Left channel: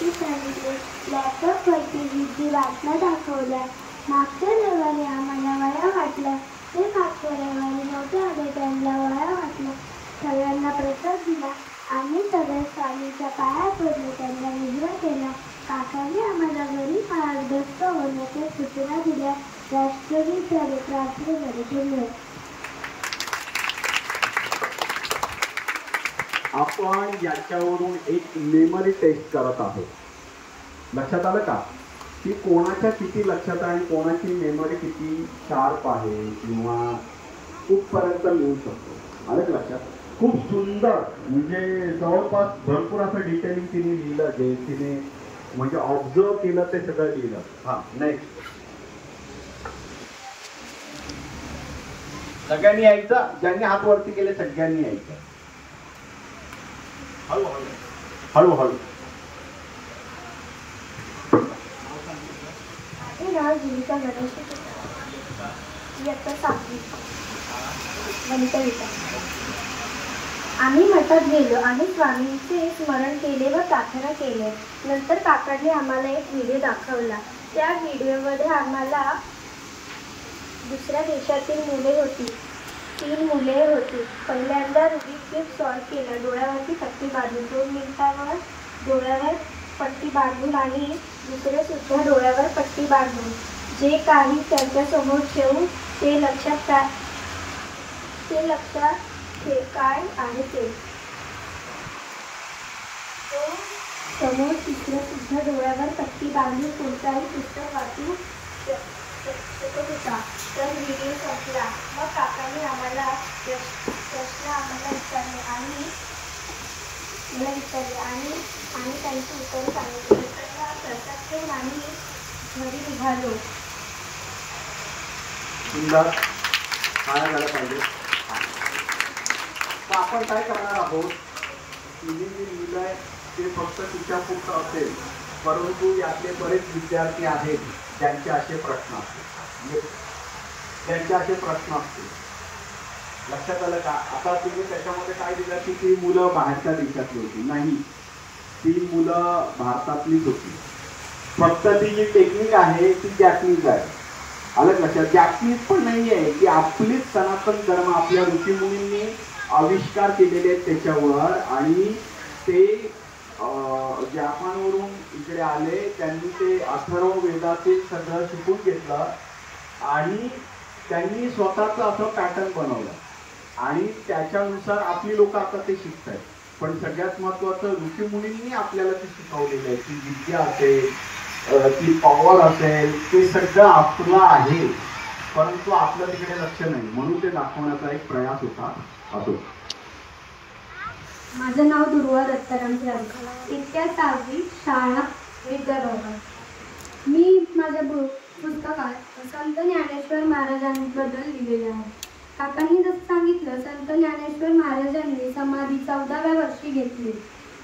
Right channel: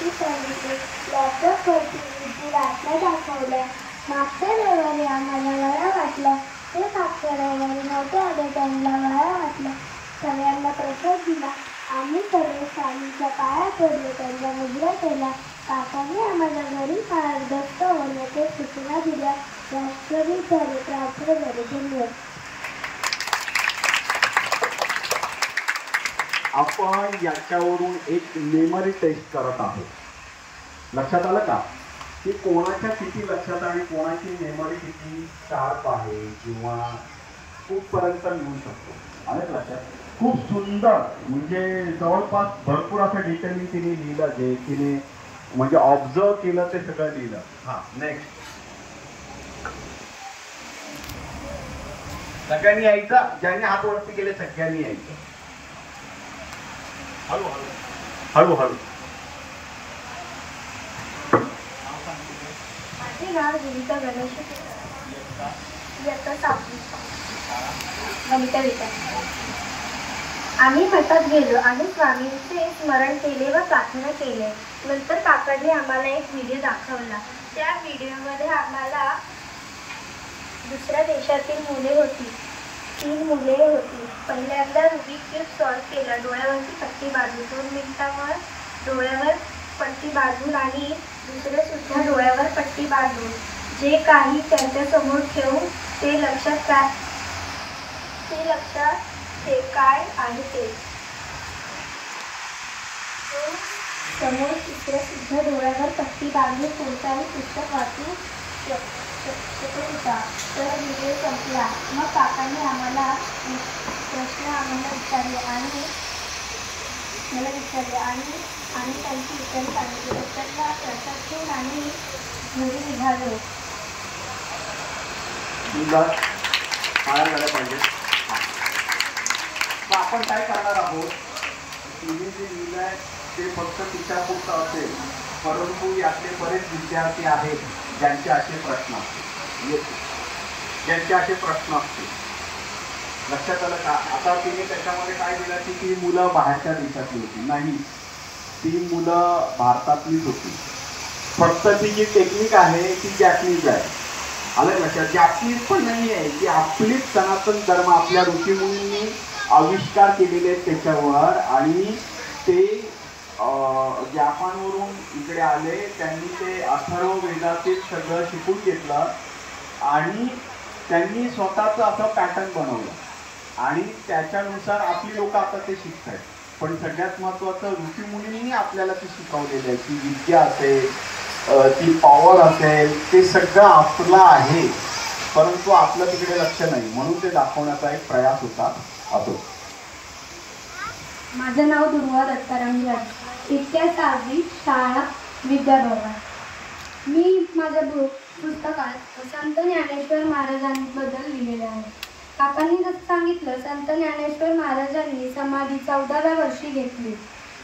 गोष्टी सांगितले. लॅपटॉपवरती विद्यू बातम्या दाखवल्या. मागच्या रविवारी आम्हाला वळा वाटला. ते मागच्या रविवारी नव्हते आले, त्यांना वळा वाटला. सगळ्यांना प्रसाद दिला. आम्ही सगळे स्वामीच्या पाया पडलो, त्यांना मुजरा केला. काकांनी आम्हाला घरी मार्गस्थ होण्याच्या सूचना दिल्या. राष्ट्रगीत झाले, प्रार्थना झाले. धन्यवाद. आपण याच्यावरून एक मेमरी टेस्ट करत आहोत. लक्षात आलं का की कोणाच्या किती लक्षात आणि कोणाची मेमरी किती शार्प आहे किंवा कुठपर्यंत लिहू शकतो. आलं लक्षात. खूप सुंदर, म्हणजे जवळपास भरपूर असं डिटेलिंग तिने लिहिलं, जे तिने म्हणजे ऑब्झर्व केलं ते सगळं लिहिलं. हा, नेक्स्ट. सगळ्यांनी यायचं. ज्यांनी हात वरती केले सगळ्यांनी यायचं. हळूहळू हळूहळू. माझे नाव जीविका गणेश. इयत्ता 7वी. गणित विषय. आम्ही मठात गेलो आणि स्वामींचे स्मरण केले व प्रार्थना केली. नंतर काकांनी आम्हाला एक व्हिडिओ दाखवला. त्या व्हिडिओमध्ये आम्हाला दुसऱ्या देशातील मुले होती. 3 मुले होती. पहिल्यांदा रुबिक क्यूब सॉल्व केला. डोळ्यावरती पट्टी बांधून 2 मिनिटांवर डोळ्यावर पट्टी बांधून आणि दुसरे सुद्धा डोळ्यावर पट्टी बांधून जे काही त्यांच्या समोर ठेवून ते लक्षात ते काय आहे ते. समोर तिसरे सुद्धा डोळ्यावर पट्टी बांधून कोणताही पुस्तक वाचू शकत होता. तर व्हिडिओ संपला. मग काकांनी आम्हाला प्रश्न विचारले आणि आम्ही त्यांची उत्तरे सांगितली. उत्तरला लक्षात ठेवून आम्ही घरी निघालो. तर आपण काय करणार आहोत, तिने जे लिहिलंय ते फक्त तिच्या पुरतं असेल, परंतु यातले बरेच विद्यार्थी आहेत ज्यांचे असे प्रश्न असतील. लक्षात आलं का. आता तिने त्याच्यामध्ये काय दिलं की ती मुलं बाहेरच्या देशातली होती. नाही, ती मुलं भारतातलीच होती. फक्त ती जी टेक्निक आहे ती जॅपनीज आहे. आलं लक्षात. जॅपनीज पण नाही आहे, की आपलीच सनातन धर्म आपल्या ऋषीमुनींनी आविष्कार केलेले आहेत त्याच्यावर. आणि ते जापानवरून इकडे आले, त्यांनी ते अथर्व वेदातील सगळं शिकून घेतलं आणि त्यांनी स्वतःचं असं पॅटर्न बनवलं आणि त्याच्यानुसार आपली लोक आता ते शिकत आहेत. पण सगळ्यात महत्त्वाचं, ऋषीमुनींनी आपल्याला ती शिकवलेली आहे. ती विद्या असेल, ती पॉवर असेल, ते सगळं आपलं आहे, परंतु आपलं तिकडे लक्ष नाही, म्हणून ते दाखवण्याचा एक प्रयास होता. असो. माझं नाव दुर्वा दत्ताराम झाले. इयत्ता 6वी. शाळा विद्याभवन. मी माझ्या पुस्तकात संत ज्ञानेश्वर महाराजांबद्दल लिहिलेले आहे. काकांनी जसं सांगितलं, संत ज्ञानेश्वर महाराजांनी समाधी 14व्या वर्षी घेतली.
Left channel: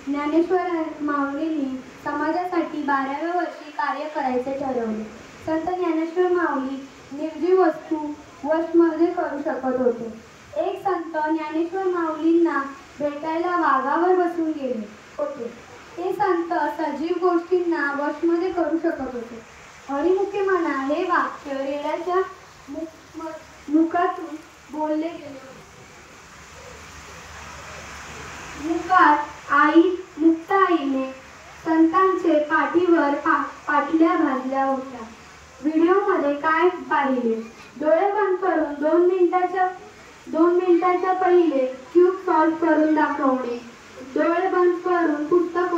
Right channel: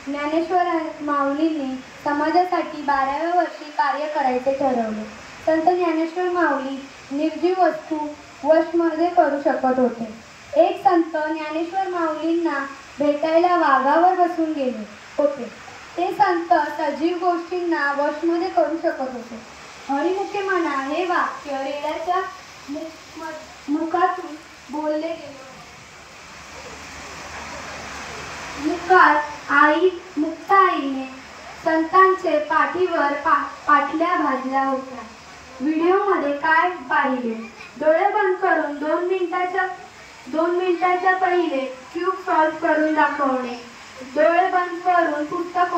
ज्ञानेश्वर माऊलींनी समाजासाठी 12व्या वर्षी कार्य करायचे ठरवले. संत ज्ञानेश्वर माऊली निर्जीव वस्तू वशमध्ये करू शकत होते. एक संत ज्ञानेश्वर माऊलींना भेटायला वाघावर बसून गेले होते. ते संत सजीव गोष्टींना वशमध्ये करू शकत होते. हरिमुखे म्हणा हे वाक्य रेड्याच्या मुखातून बोलले गेले. मुखात मुक्ताईने संतांचे पाठीवर पाटल्या भाजल्या होत्या. व्हिडिओमध्ये काय पाहिले? डोळे बंद करून 2 मिनिटाच्या पहिले क्यूब सॉल्व करून दाखवणे. डोळे बंद करून पुस्तक